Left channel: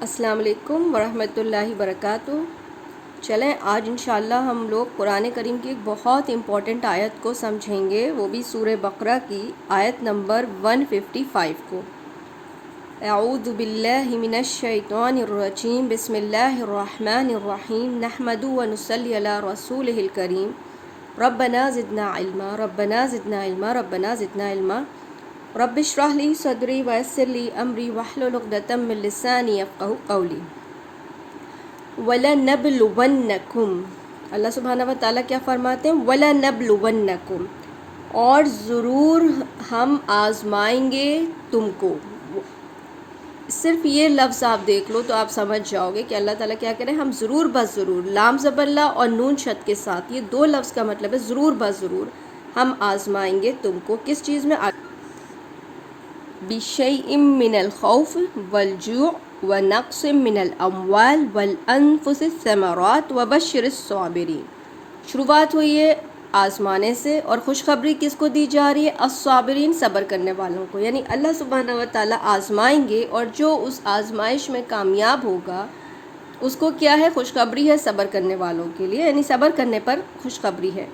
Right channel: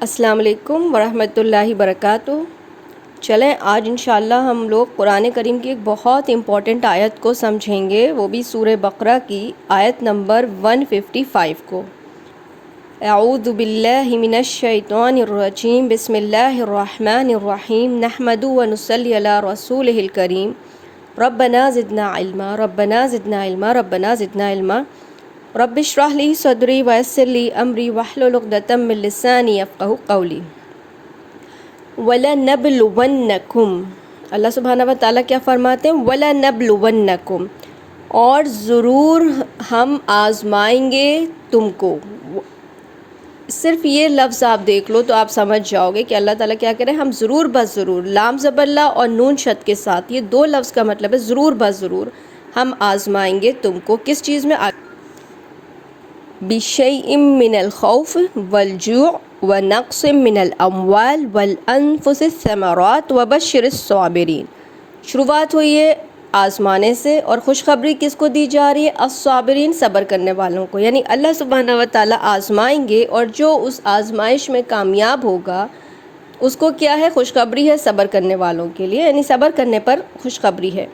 السلام علیکم ورحمۃ اللہ وبرکاتہ۔ چلیں آج انشاءاللہ ہم لوگ قرآن کریم کی ایک بہت امپورٹنٹ آیت کو سمجھیں گے، وہ بھی سورہ بقرہ کی آیت نمبر 155 کو۔ اعوذ باللہ من الشیطان الرجیم، بسم اللہ الرحمن الرحیم، نحمدہ ونصلی علی رسولہ الکریم، ربنا زدنا علما ربنا زدنا علما ربنا زدنا علما، رب اشرح لی صدری ویسر لی امری واحلل عقدۃ من لسانی یفقہوا قولی۔ وَلَنَبْلُوَنَّکُمْ، اللہ سبحانہ و تعالیٰ کیا فرماتے ہیں؟ وَلَنَبْلُوَنَّکُمْ، اور ضرور ہم آزمائیں گے تم کو۔ صرف یہ لفظ آپ دیکھ لو تو آپ سمجھ جاؤ گے کہ اللہ تعالیٰ کیا کہہ رہے ہیں، ہم ضرور بس ضرور، لام زبر لا اور نون شد کے ساتھ، یہ دو لفظ کا مطلب ہے ضرور بس ضرور ہم آزمائیں گے تم کو۔ کس چیز میں؟ بِشَيْءٍ مِّنَ الْخَوْفِ وَالْجُوعِ وَنَقْصٍ مِّنَ الْأَمْوَالِ وَالْأَنفُسِ الثَّمَرَاتِ وَبَشِّرِ الصَّابِرِينَ۔ شروعات ہوئی ہے آزمانے سے، اور خوشخبری کس کو دی جا رہی ہے؟ الصابرین، صبر کرنے والوں کو۔ یعنی اللہ سبحانہ و تعالیٰ آزمائیں گے، اور جو اس آزمائش میں کامیاب ہوگا اس کو کیا ہے؟ خوشخبری ہے صبر کرنے والوں کے لیے، یعنی صبر کرنے پر خوشخبری ہے۔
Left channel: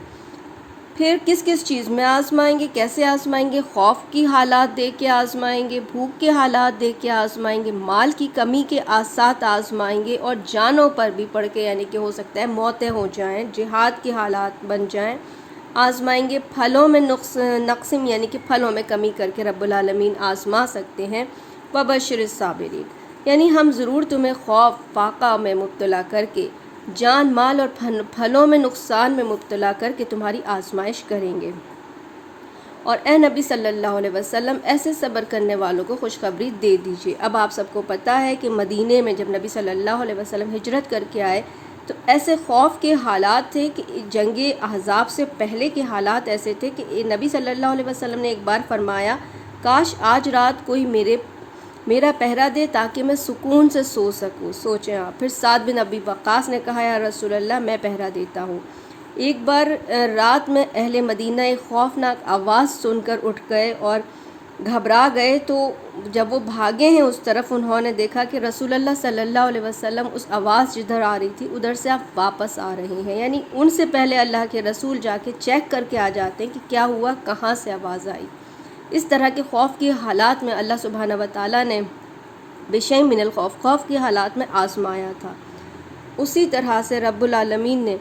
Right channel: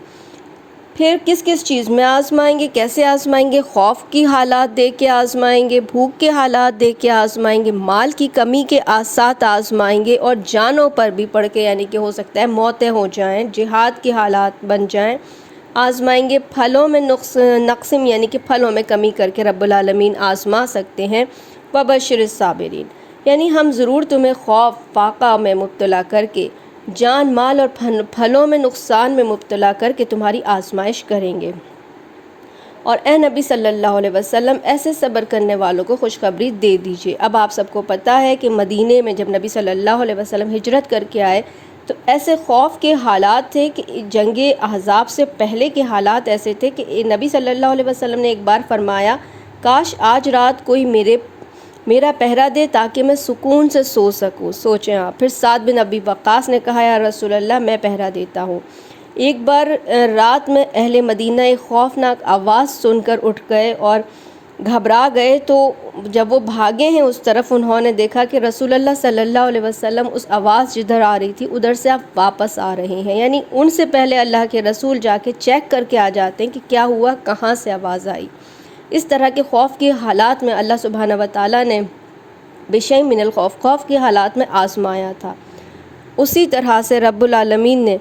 پھر کس کس چیز میں آزمائیں گے؟ کیسے آزمائیں گے؟ خوف کی حالات دے کے آزمائیں گے، بھوک کے حالات دے کے آزمائیں گے، مال کی کمی کے ساتھ آزمائیں گے، اور جانوں پر بھی پڑھ کے، یعنی کہ ہو سکتا ہے موتیں ہو جائیں، جہاد کے حالات بن جائیں، آزمائیں گے۔ پھلوں میں نقصم، یعنی کہ پھلوں میں کمی کر کے رب العالمین آزما سکتے ہیں۔ وبشر الصابرین، یعنی ہم ضرور تمہیں خوف فاقہ میں مبتلا کر کے، جان مال اور پھلوں میں نقصان میں مبتلا کر کے تمہاری آزمائش کریں گے۔ اور اے نبی صلی اللہ علیہ وسلم، ایسے صبر کرنے والوں کو خوشخبری دے دیجئے۔ اب آپ سب کو پتہ ہے کہ مدینے میں جب نبی صلی اللہ علیہ وسلم ہجرت کر کے آئے تو ایسے خوف کے حالات تھے کہ جنگ احزاب سے پہلے کے حالات ایسے تھے کہ نبی صلی اللہ علیہ وسلم نے ایک بار فرمایا، کاش آج رات کوئی میرا پہرا دے تاکہ میں سکون سے سو سکوں۔ سوچیں آپ۔ پھر سعد بن ابی وقاص نے کہا، یا رسول اللہ میں پہرا دیتا ہوں۔ ایک بار رات میں اہل مدینہ ایک خوفناک آواز سن کر اٹھ گئے اور گھبرا گئے، تو جب وہ بھاگے ہیں اس طرف، انہوں نے دیکھا کہ رسول اللہ صلی اللہ علیہ وسلم اس آواز جدھر آ رہی تھی ادھر سے آپ واپس آ رہے ہیں، یعنی ان سے پہلے اللہ کے رسول جا کے چیک کر کے آ جاتے ہیں کہ کیا ہوا، کہاں سے آواز آئی۔ اس طرح کے خوف کے حالات میں اللہ سبحانہ و تعالیٰ نے بشیء من الخوف، خوف کے حالات میں آزمایا تھا۔ اسی طرح سے رب العالمین نے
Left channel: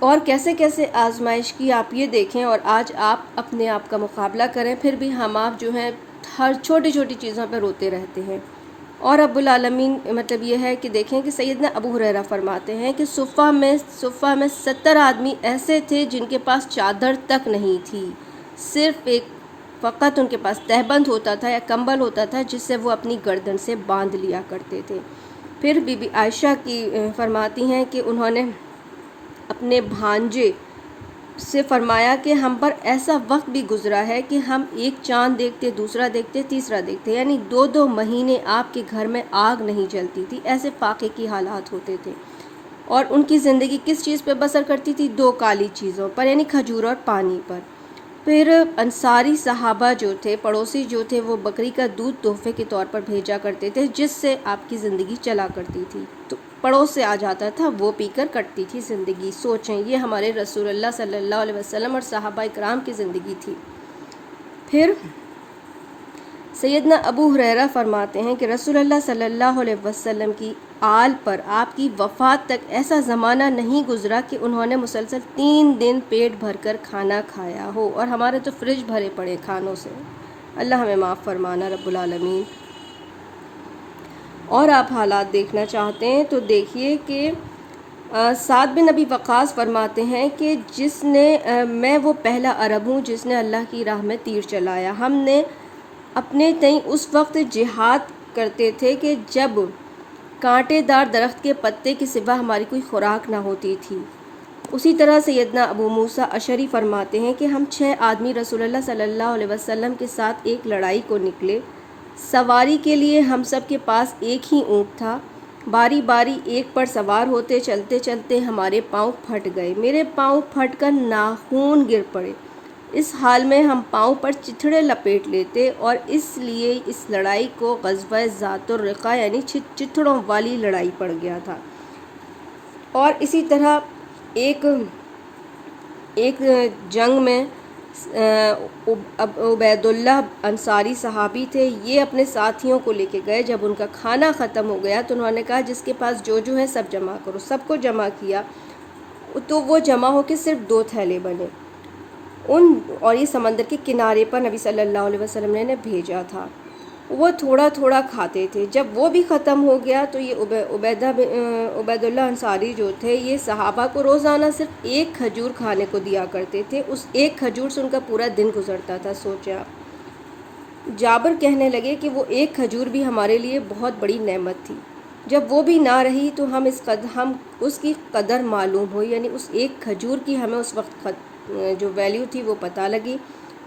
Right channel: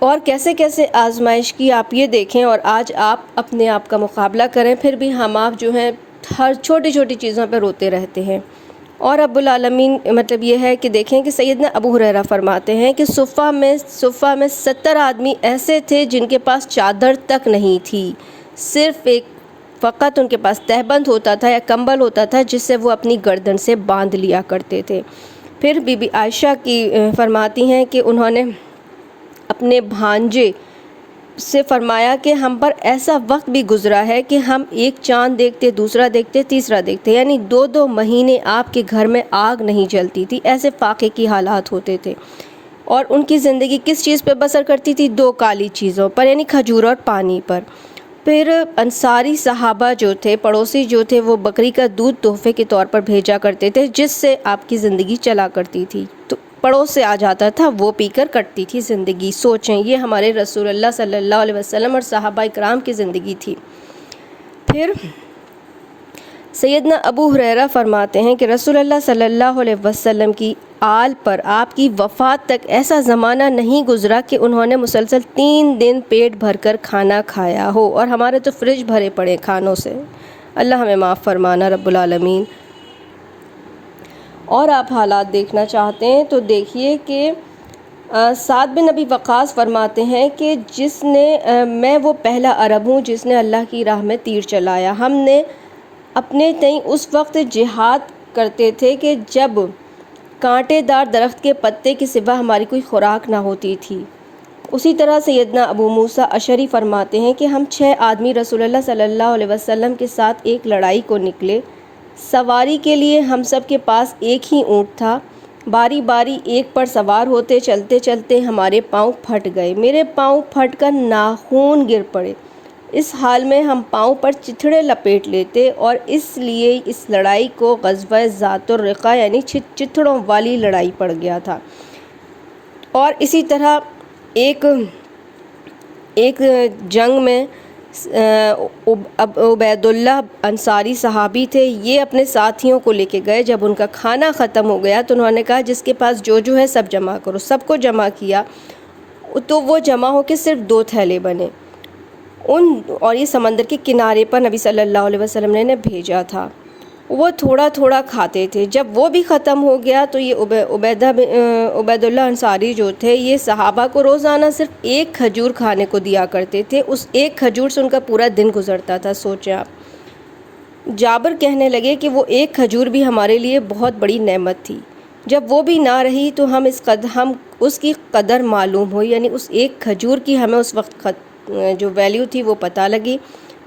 اور کیسے کیسے آزمائش کی آپ یہ دیکھیں، اور آج آپ اپنے آپ کا مقابلہ کریں، پھر بھی ہم آپ جو ہیں ہر چھوٹی چھوٹی چیزوں پہ روتے رہتے ہیں۔ اور رب العالمین مطلب یہ ہے کہ دیکھیں کہ سیدنا ابو ہریرہ فرماتے ہیں کہ صفہ میں 70 آدمی ایسے تھے جن کے پاس چادر تک نہیں تھی، صرف فقط ان کے پاس تہبند ہوتا تھا یا کمبل ہوتا تھا جس سے وہ اپنی گردن سے باندھ لیا کرتے تھے۔ پھر بی بی عائشہ کی فرماتی ہیں کہ انہوں نے اپنے بھانجے سے فرمایا کہ ہم پر ایسا وقت بھی گزرا ہے کہ ہم ایک چاند دیکھتے، دوسرا دیکھتے، تیسرا دیکھتے، یعنی 2 مہینے آپ کے گھر میں آگ نہیں جلتی تھی، ایسے فاقے کی حالات ہوتے تھے۔ اور ان کی زندگی کس چیز پہ بسر کرتی تھی؟ 2 کالی چیزوں پر، یعنی کھجور اور پانی پر۔ پھر انصاری صحابہ جو تھے، پڑوسی جو تھے، وہ بکری کا دودھ تحفے کے طور پر بھیجا کرتے تھے جس سے آپ کی زندگی چلا کرتی تھی، تو پڑوس سے آ جاتا تھا، وہ پی کر کٹتی تھی زندگی۔ سوچیں، یہ ہمارے رسول اللہ صلی اللہ علیہ وسلم اور صحابہ اکرام کی زندگی تھی۔ پھر سیدنا ابو ہریرہ فرماتے ہیں کہ رسول اللہ صلی اللہ علیہ وسلم کی آل پر آپ کی وفات تک ایسا زمانہ نہیں گزرا کہ انہوں نے مسلسل 3 دن پیٹ بھر کر کھانا کھایا ہو، اور ہمارے تو فریج بھرے پڑے کھانوں سے۔ اللہ ہمیں معاف فرمانا رب العالمین۔ اور آپ حالات دیکھنا چاہتے ہیں تو دیکھیے کہ سعد بن ابی وقاص فرماتے ہیں کہ میں وہ پہلا عرب ہوں جس نے اللہ کی راہ میں تیر چلایا۔ ہم نے اپنے تئیں اس وقت جہاد کرتے تھے کہ جب کانٹے دار درخت کے پتے کے سوا ہماری کوئی خوراک نہ ہوتی تھی۔ اسی طرح سیدنا ابو موسیٰ اشعری فرماتے ہیں کہ ہم 6 آدمی رسول اللہ صلی اللہ علیہ وسلم کے ساتھ ایک لڑائی کو نکلے۔ سواری کے لیے ہم سب کے پاس ایک ہی اونٹ تھا، باری باری ایک پر سوار ہوتے، چلتے چلتے ہمارے پاؤں پھٹ گئے، میرے پاؤں پھٹ کر ناخون گر پڑے، اس حال میں ہم پاؤں پر چتھڑے لپیٹ لیتے اور اس لیے اس لڑائی کو غزوہ ذات الرقاع یعنی چتھڑوں والی لڑائی پڑ گیا تھا۔ اور اسی طرح ایک جنگ میں عبید اللہ انصاری صحابی تھے، یہ اپنے ساتھیوں کو لے کے گئے۔ جب ان کا کھانا ختم ہو گیا تو انہوں نے کہا جس کے پاس جو ہے سب جمع کرو، سب کو جمع کیا تو وہ جمع ہو کے صرف 2 تھیلے بنے اور یہ سمندر کے کنارے پر نبی صلی اللہ علیہ وسلم نے بھیجا تھا۔ وہ تھوڑا تھوڑا کھاتے تھے، جب وہ بھی ختم ہو گیا تو یہ عبید اللہ انصاری جو تھے یہ صحابہ کو روزانہ صرف 1 کھجور کھانے کو دیا کرتے تھے۔ اس 1 کھجور سے ان کا پورا دن گزرتا تھا۔ سوچیں آپ، جابر کہنے لگے کہ وہ 1 کھجور بھی ہمارے لیے بہت بڑی نعمت تھی، جب وہ بھی نہ رہی تو ہم اس کی قدر معلوم ہوئی، یعنی اس 1 کھجور کی ہمیں اس وقت جو ویلیو تھی وہ پتہ لگی۔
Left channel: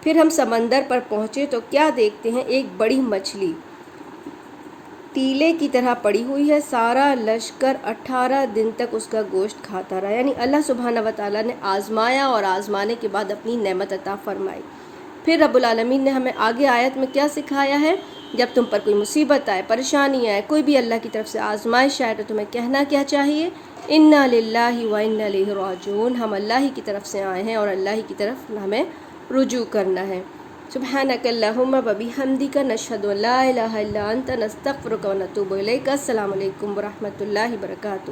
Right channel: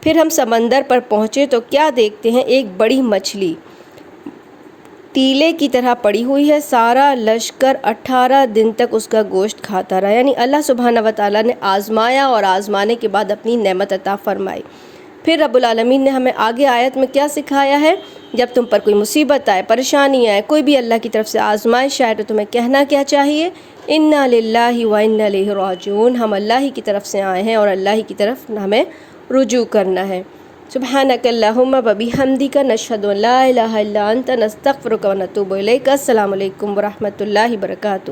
پھر ہم سمندر پر پہنچے تو کیا دیکھتے ہیں، ایک بڑی مچھلی تیلے کی طرح پڑی ہوئی ہے۔ سارا لشکر 18 دن تک اس کا گوشت کھاتا رہا، یعنی اللہ سبحانہ وتعالیٰ نے آزمایا اور آزمانے کے بعد اپنی نعمت عطا فرمائی۔ پھر رب العالمین نے ہمیں آگے آیت میں کیا سکھایا ہے، جب تم پر کوئی مصیبت آئے، پریشانی آئے، کوئی بھی اللہ کی طرف سے آزمائش آئے تو تمہیں کہنا کیا چاہیے، انا للہ و انا الیہ راجعون، ہم اللہ ہی کی طرف سے آئے ہیں اور اللہ ہی کی طرف ہمیں رجوع کرنا ہے۔ سبحانک اللہم و بحمدک نشہد ان لا الہ الا انت نستغفرک و نتوب الیک۔ السلام علیکم ورحمۃ اللہ وبرکاتہ۔